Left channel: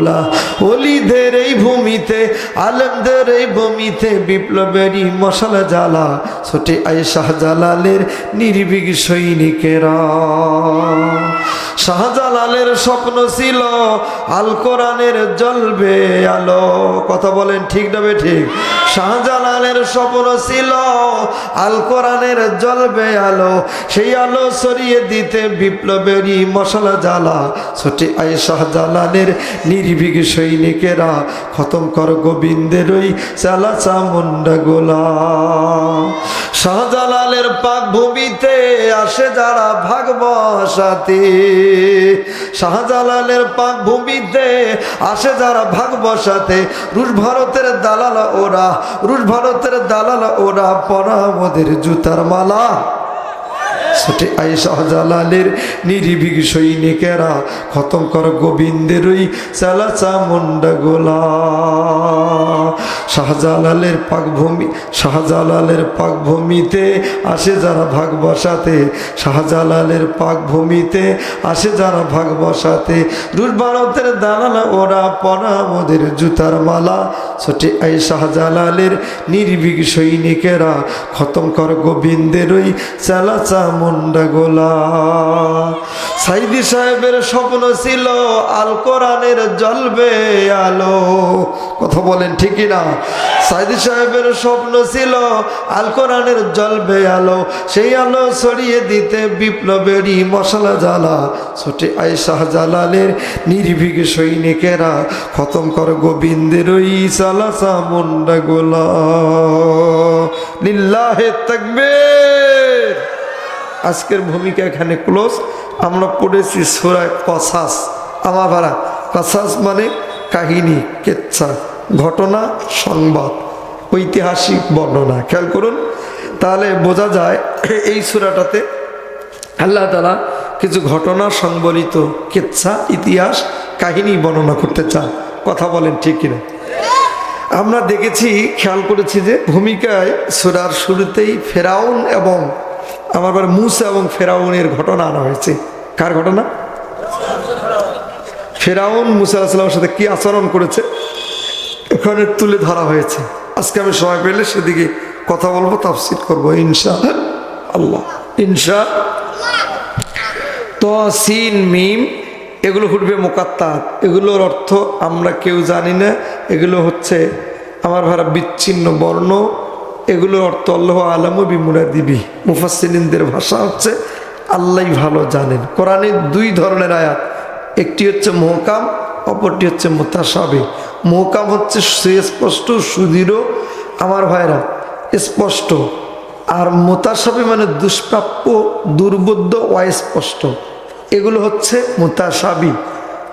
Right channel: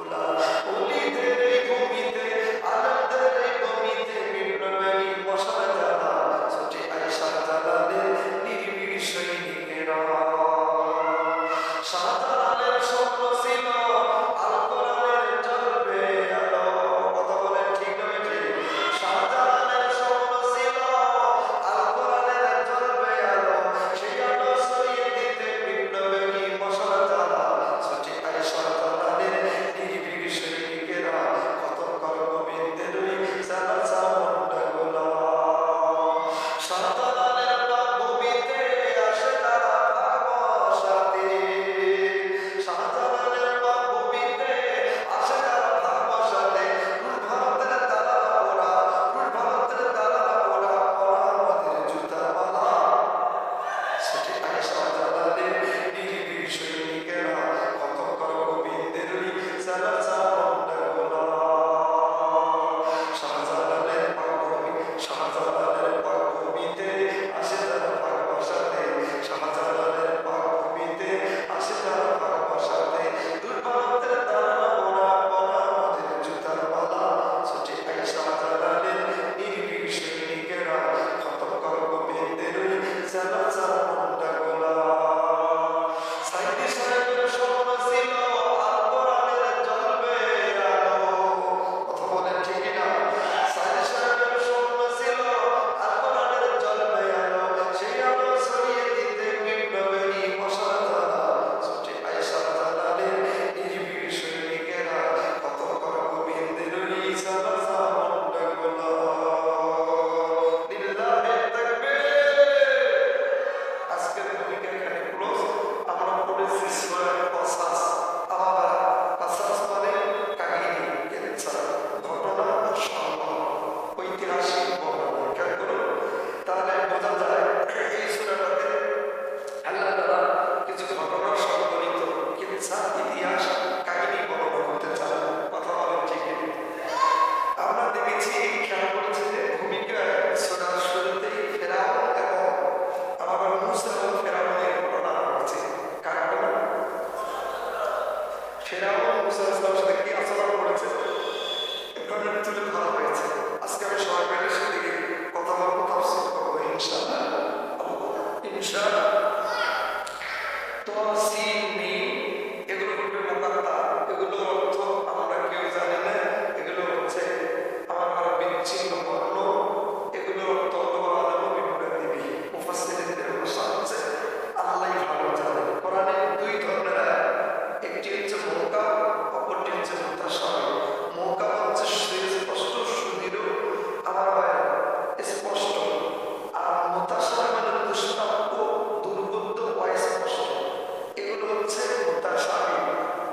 এই ভূমিতে আলেমদের এই ভূমিতে বিপ্লবেরই মশালা জ্বালা, ছোটে আই শাহজালালের নির্ভীক সৈনিকেরা। শাহজালালের স্বপ্ন ছিল আল কোরআনের জ্বলবে আলো। কথা বলেন ঠিক না ঠিক? শাহজালালের স্বপ্ন ছিল আল কোরআনের জ্বলবে আলো। সেই আলো সরিয়ে দিতে বিপ্লবেরই মশলা জ্বালা, ছোটে আয় শাহজালালের নির্ভীক সৈনিকেরা। খতম কর গোবিন্দের ওই চালা চামুন্ডা গোলা শাহজালালের পাক ভূমিতে আসে যারা ভাগবসাতে শাহজালালের পাক ভূমিতে আসে যারা ভাগবসাতে রুশ ভারতের দালাল ওরা, রুশ ভারতের দালাল ওরা পরা আমাদের জুতার মালা। সেটি আই শাহজালালের নিরিবিক সৈনিকেরা খতম কর ওই চালা চামুন্ডা গোলা। শাহজালালের পাকভূমি, শাহজালালের পাকভূমিতে আসে যারা ভাগ বসাতে, শাহজালালের পাকভূমিতে আসে যারা ভাগ বসাতে। রুশ ভারতের দালালা ওরা পরা আমাদের জুতার মালা ছোটে আই শাহজালালের নির্ভীক সৈনিকেরা খতম কর গোবিন্দের ওই মুন্ডা গোলা। সাইদি সাহেবের স্বপ্ন ছিল আল কোরআনের জ্বলবে আলো। কথা বলেন ঠিকই না সাইদি সাহেবের স্বপ্ন ছিল আল কোরআনের জ্বলবে আলো। সেই আলো ছড়িয়ে দিতে বিপ্লবেরই মশলা জ্বালা। ছুটে আই শাহজালালের নির্ভীক সৈনিকেরা খতম কর গোবিন্দের ওই চালা চামুন্ডা গোলা। লিল্লাহে তাকবীর। আজকের ভূমিকা এখানে ক্লোজ আমরা পড়েছি সুরায় কসাস। আমার ভাড়া কসাস মানে কাহিনী, কেচ্ছা, ঘটনা, সংবাদ, ঐতিহাসিক বর্ণনা। খেয়াল করুন, তাহলে বোঝা যায় এই সুরাটাতে আল্লাহ তালা কিছু ঘটনা সংবলিত কেচ্ছা, ইতিহাস, কাহিনী বর্ণনা করতে চান। কথা বলেন ঠিক কিনা? আমরা দেখেছি, খেয়াল করেছি যে ভূমিকায় সুরার শুরুতেই ফেরাউন এবং আমার বার মুসা এবং ফেরাউনের ঘটনা আনা হয়েছে। কার ঘটনা? ফেরাউন মুসা আলাহিসাল্লামের সাথে কি আচরণ করেছে? এখানে তুলে ধরা হয়েছে। আজকে আমি সময় পেলে সেদিকে কথা বলব, তাফসির করব ইনশা আল্লাহ। ইনশা তো মিম, এগুলো হুটবে মোকাত্তাত। এগুলোর অর্থ আমরা কেউ জানি না। এগুলো হচ্ছে আমার ভাড়া বিচ্ছিন্ন বর্ণ। এগুলোর অর্থ আল্লাহ আলম বিমুরা দিবি। মুফাসিনদের ভাষা হচ্ছে, আল্লাহ ভালো জানেন। কোরআনের দুই ধরনের আয়াত, একটি হচ্ছে মহকাম, অপরটি হচ্ছে মোতাসাবে মহকাম হচ্ছে সুস্পষ্ট সুদৃঢ়। আমার ভাইরা, স্পষ্ট। আর মোতাসাবে মানে দুষ্প্রাপ্য, দুর্বোধ্য, অস্পষ্ট। এগুলো হচ্ছে মোতাসাবি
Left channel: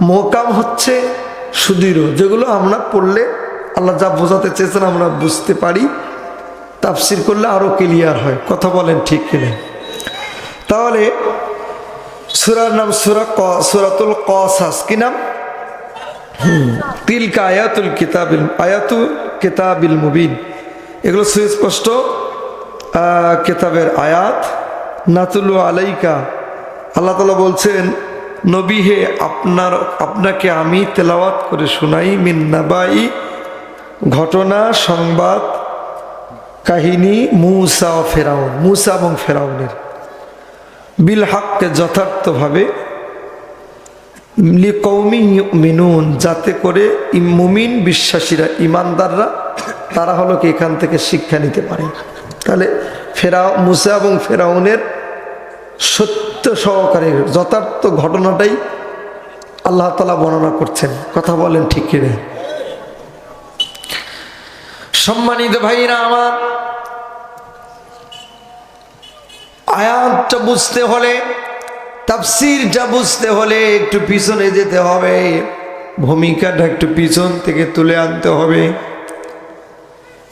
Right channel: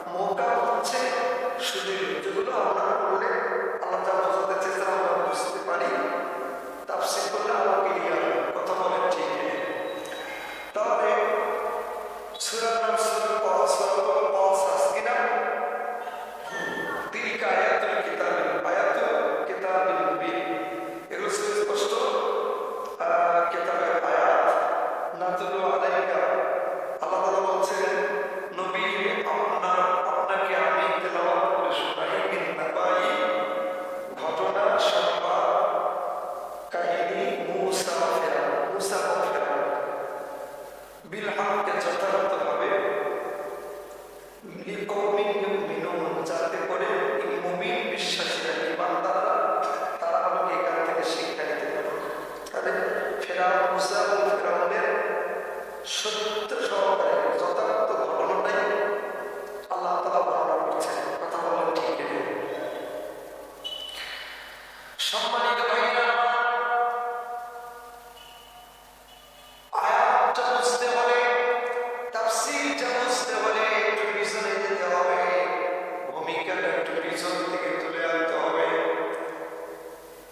মহকাম হচ্ছে সুদৃঢ়। যেগুলো আমরা পড়লে, আল্লাহ যা বোঝাতে চেয়েছেন আমরা বুঝতে পারি। তাফসির করলে আরও ক্লিয়ার হয়। কথা বলেন ঠিক কিনা? তাহলে সুরার নাম সুরা ক, সুরাতুল কসাস। কি নাম? তিলকা আয়াতুল কিতাবিল, আয়াতু কিতাবিল মুবিন। এগুলো সুস্পষ্ট কিতাবের আয়াত। নাতুলু আলাইকা। আল্লাহ তালা বলছেন, নবী হে, আপনার, আপনাকে আমি তেলাওয়াত করে শোনাই মিন্নাবাই ঘটনা, সংবাদ কাহিনী মুসা ফেরাউন, মুসা এবং ফেরাউনের। বিল হাককে যথার্থভাবে কৌমি মিনুন যাতে করে মুমিন বিশ্বাসীরা, ইমানদাররা, তারা হলো কি এখান থেকে শিক্ষা নিতে পারে। তাহলে ফেরাও মুসা এবং ফেরাউনের সত্য সহকারে যথার্থ ঘটনাটাই আল্লাহ তালা বর্ণনা করছেন। কথা বলেন ঠিক কিনে? সম্মানিত ভাইরা আমার আয়াতটা বুঝতে হলে, তাফসিরটা বুঝতে হলে একটু পিছনে যেতে হবে। ভূমিকাটা একটু পিছন থেকে তুলে আনতে হবে।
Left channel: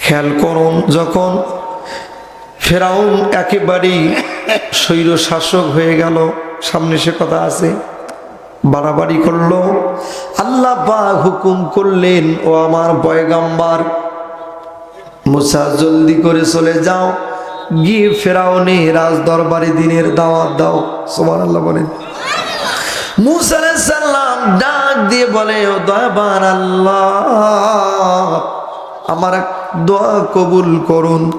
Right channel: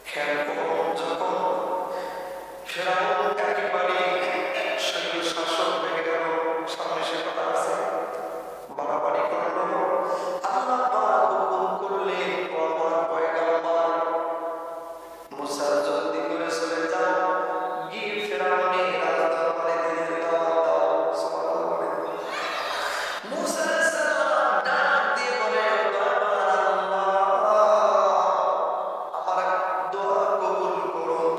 খেয়াল করুন, যখন ফেরাউন একেবারেই স্বৈর শাসক হয়ে গেল, সামনে সে কথা আছে, বাড়াবাড়ি করল, আল্লাহ বা হুকুম করলেন, ও আমার পয়গাম্বার, মুসা জলদি করে চলে যাও। গিয়ে ফেরাউনে রাজ দরবারে দিনের দাওয়াত দাও। সোমান আল্লাহ বলেন। মুসা ডাক দিয়ে বলে, ও দয়াবান আল্লাহ আমার এক দোয়া কবুল করুন।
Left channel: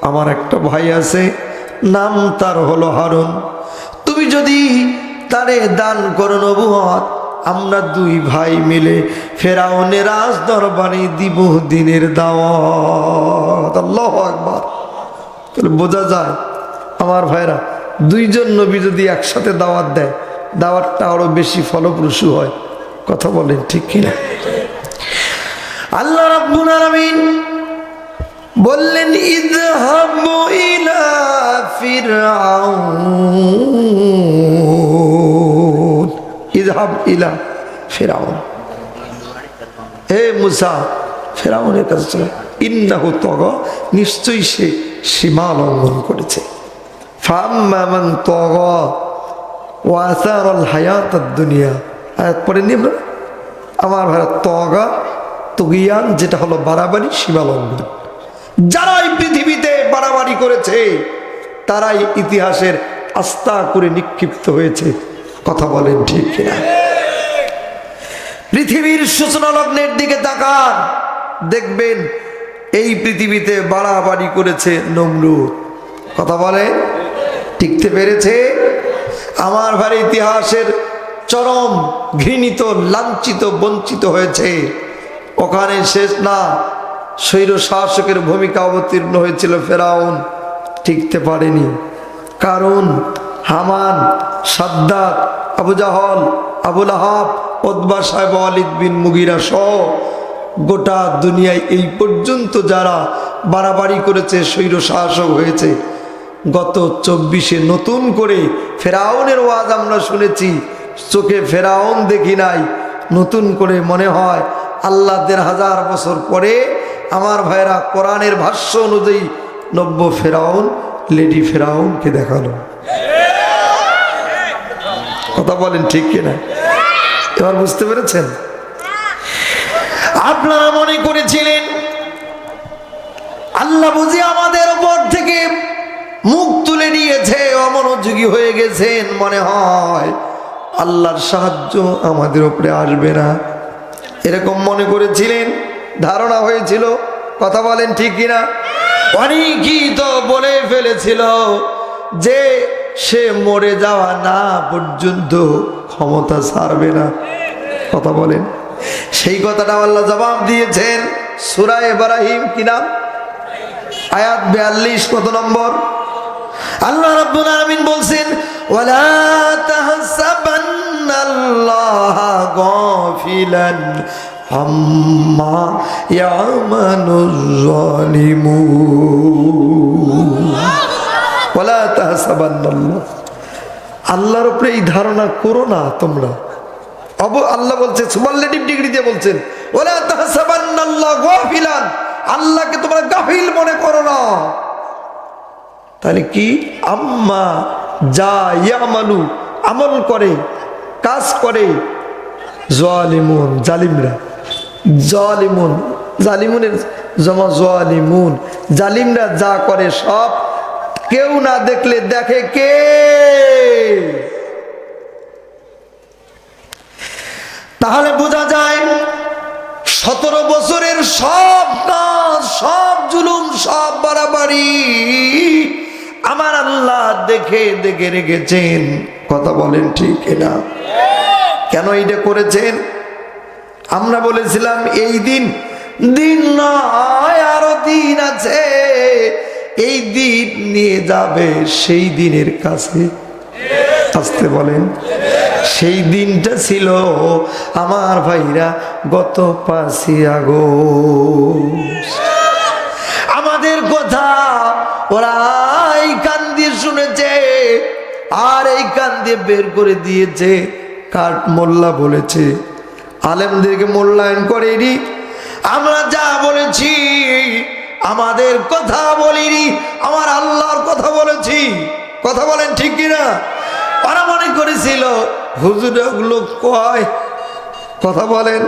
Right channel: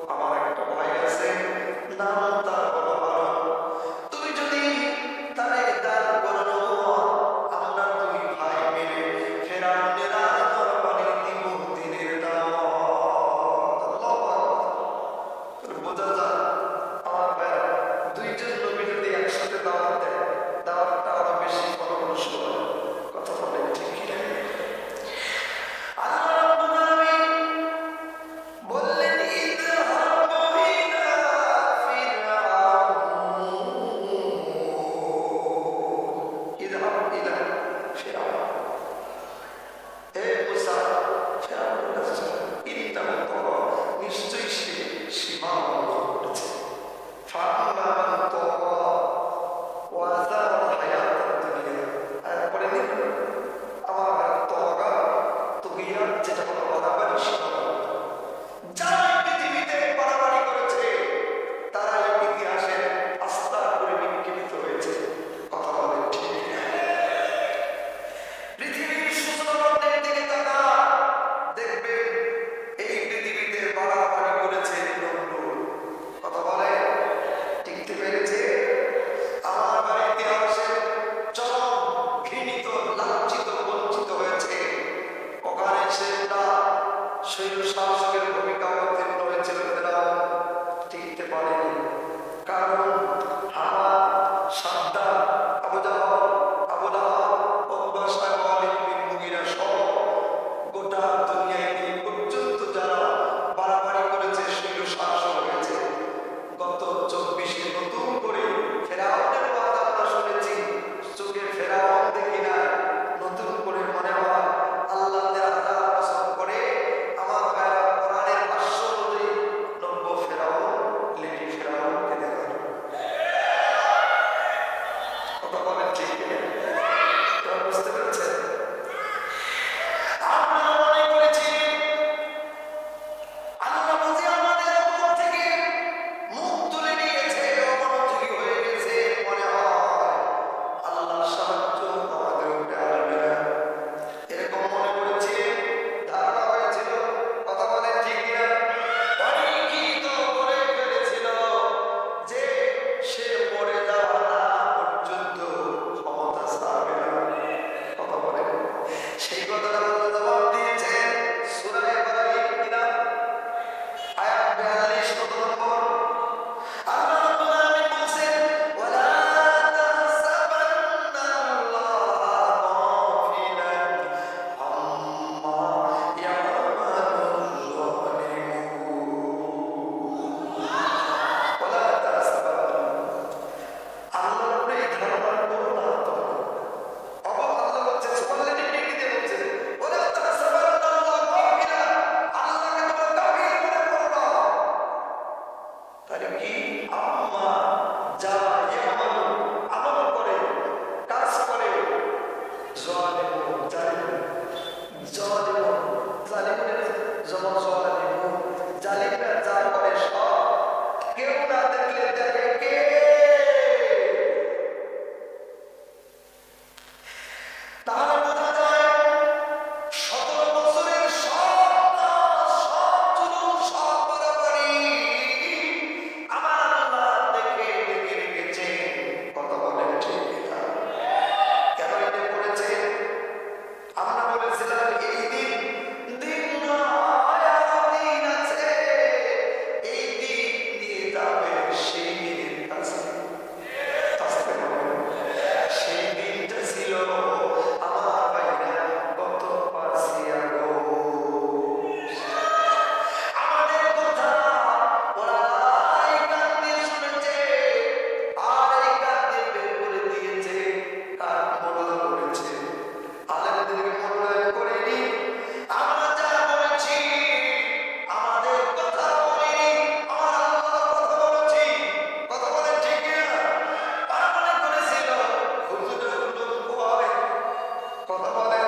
আমার একটা ভাই আছে, নাম তার হলো হারুন। তুমি যদি তারে দান করো নবুয়ত আমরা দুই ভাই মিলে ফেরাউনের রাজ দরবারে দিব দিনের দাওয়াত। আল্লাহ তাহলে বোঝা যায়, আমার ভাইরা দুইজন নবী যদি একসাথে দাওয়াত দেয়, দাওয়াতটা আরও বেশি ফলপ্রসূ হয়। কথা বলেন ঠিক কিনা? আল্লাহ রাব্বুল আলামিন বললেন, ইযহাবু ইলা ফিরআউন। ইযহাব ইলা ফিরআউন। হে মুসা ফেরাউনের কাছে চলে। ইন্নাহু তগ, নিশ্চয়ই সে সীমা লঙ্ঘন করেছে ফাম্মামান তগ ওয়াসারল হায়াত দুনিয়া। আয়াত পরে নিয়ে আমরা ভারত তগা, তগিয়ান, যেটা হলো বাড়াবাড়ি সীমা লঙ্ঘন যারা পৃথিবীতে বাড়াবাড়ি করেছে, তারাই ইতিহাসের আস্থা করে নিক্ষিপ্ত হয়েছে। কথা বলেন ঠিক কিনা? পৃথিবীর সূচনা লগ্নের দিকে তাকান, দেখবেন এই পৃথিবীতে বাড়াবাড়ি করেছে নমরুদ। কথা বলে? টিকতে পেরেছে? আমার ভাই ইতিহাসের চরম ঘৃণিত, লাঞ্ছিত, বঞ্চিত হয়েছে। ওখানে শেষ না, স্বৈর শাসকের ভূমিকা অবতীর্ণ হয়েছিল ফেরাউন। টিকতে পারেনি। কারণ হামান, সাদ্দাত, আবু জাহল, আবুল আহাব ওদবা সাহেব আলিদ বিন মুগিরা সহ গোটা দুনিয়ায় এই পর্যন্ত যারা বাড়াবাড়ি করেছে, স্বৈর শাসক হয়েছে, গত চব্বিশে নতুন করে ফেরাউনের ওয়াজ আমরা শুনেছি, চোখে ফেরাউন দেখি নাই, নতুন করে মনে হয় আল্লাহ দেড় হাজার বছর পরে আমার ভাইরা কোরআনের ভাষ্য অনুযায়ী নব্য ফেরাউন, লেডি ফেরাউনকে দেখাল। কথা বলেন ঠিক কিনা? এবার বুঝতে পেরেছেন? আপনারা মনে করেছিলেন, আল্লাহ বুঝি আমাদের উপর থেকে মুখ তুলে নিয়েছে, অমনোযোগী হয়ে গেছেন মনে হয়। আল্লাহর সাহায্য আমাদের উপরে আসবে না। এরকম মনে করেছিলেন, ধারণা হয়েছিল, কথা বলেন ঠিক কিনা? অনেকই তো বলে ফেলেছিল যে সে মরে যাওয়া না পর্যন্ত ক্ষমতা ছাড়বে না। কথা বলেন। সেই কথাটা আল্লাহ জবাব দিয়েছেন। সুরা এবারাহিম কি নাম? আয়াত বিয়াল্লিশ, কত নম্বর? আল্লাহ রাব্বুল আলামিন বলছেন আম্মা আল্লাহর উপরে এই ধারণা করো না তোমরা। অব আল্লাহ বলছে সুপারলেটিভ ডিগ্রি দিয়ে বলছেন আল্লাহকে তোমরা গাফিল মনে করো না। তাহলে কি? আম্মা যা ইয়ামালু, আমল করে, কাজ করে, জালিমুন, জালিমরা, জালিমুন, জালিমুনের জমা জালিমুন, জালিমরা যা করে সব, কেউ না দেখলে দেখে কে? তাহলে বোঝা যায় সতেরো বছরের সব কাজ, সব জুলুম, সব বাড়াবাড়ি আমার আল্লাহ দেখে দেখে রেখেছেন। কথা বলেন ঠিক না কেন এইটা করেছেন? আমরা বলেছিলাম, এই দিন দিন নয়, আরও দিন আছে। এই দিন নিয়ে যাবে সেই দিনের কাছে। আসতে বলেন। সেই দিনটা ছিল আমার ভাইরা গত পাঁচই আগস্ট। আমাদের কথা ওরা এই শুনেছে, আর এই কান দিয়ে বের করে দিয়েছে, কাঠ মোল্লা বলেছে। আলেমদেরকে মূল্যায়ন করেনি। আমরা যা বলেছি, আমাদের কথা বলিনি, আমার আল্লাহর কথা বলেছি। কথা বলেন ঠিক কিনা? ওরা মনে করেছিল হুজুর ওগুলো কয়? কথা বলেন।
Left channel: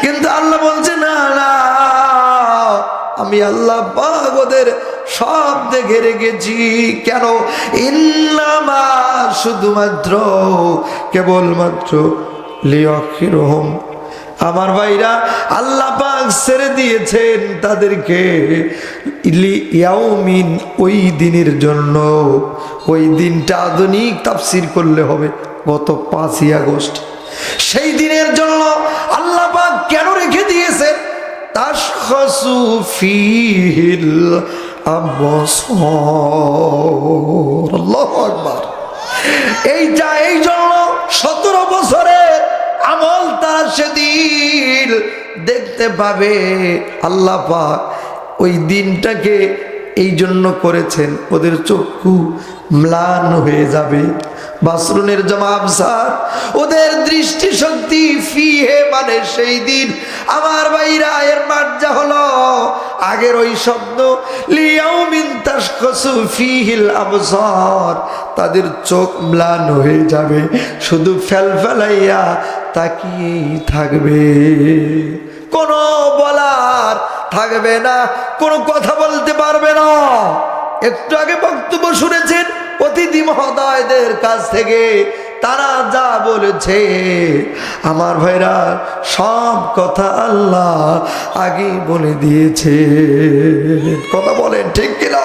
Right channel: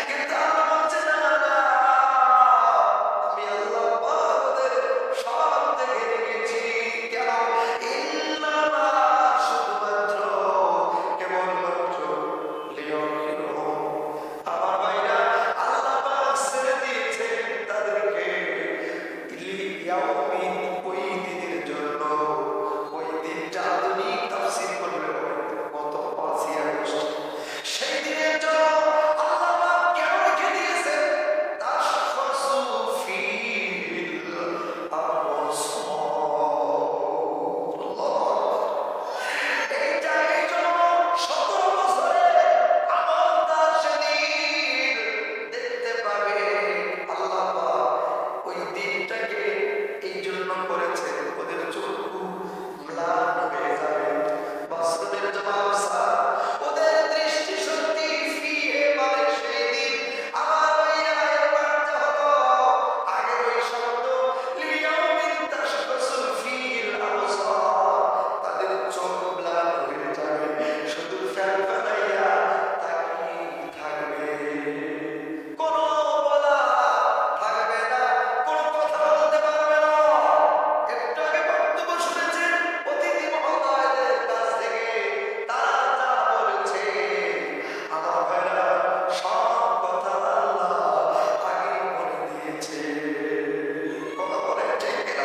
কিন্তু আল্লাহ বলছে, না না, আমি আল্লাহ বাবদের সব দেখে রেখেছি। কেন? ইল্লামা শুধুমাত্র, কেবলমাত্র লিয়ক্ষিরহম আমার ভাইরা, আল্লাহ পাক ছেড়ে দিয়েছেন তাদেরকে। ইয়াউমিন, ওই দিনের জন্য। ওই দিনটা আধুনিক তাফসির করলে হবে গত পাঁচই আগস্ট। সেই দিনের জন্য আল্লাহ পাক কেন রেখে দিয়েছেন? ফিহিল আবসার। আল্লাহু আকবার। এইটা এই জন্য সতেরো বছরে আমল তারা সেদিন দেখতে পাবে। আল্লাহ পাক ওই দিনটাকে এই জন্য করেছেন। ওদের চক্ষু ম্লান হয়ে যাবে। বাসরুনের জমাব স্যার, ওদের দৃষ্টিশক্তি ফিহে মানে সেই দিন। আমার ভাইরা, এর মার্জা হলো আগের ওই শব্দ তাদের চোখ ম্লান হয়ে যাবে। শুধু ফেলফেলাইয়া তাকিয়েই থাকবে। কোনো বলার থাকবে না, কোনো কথা বলতে পারবে না। একটু আগে বক্তব্য শুনেছেন অতিথি মহোদয়দের কাছ থেকে, তারা যা বলেছে। আমার ভাইরা, সব কথা আল্লাহ আগে বলে দিয়েছে। কথা বলেন, ঠিক কিনা?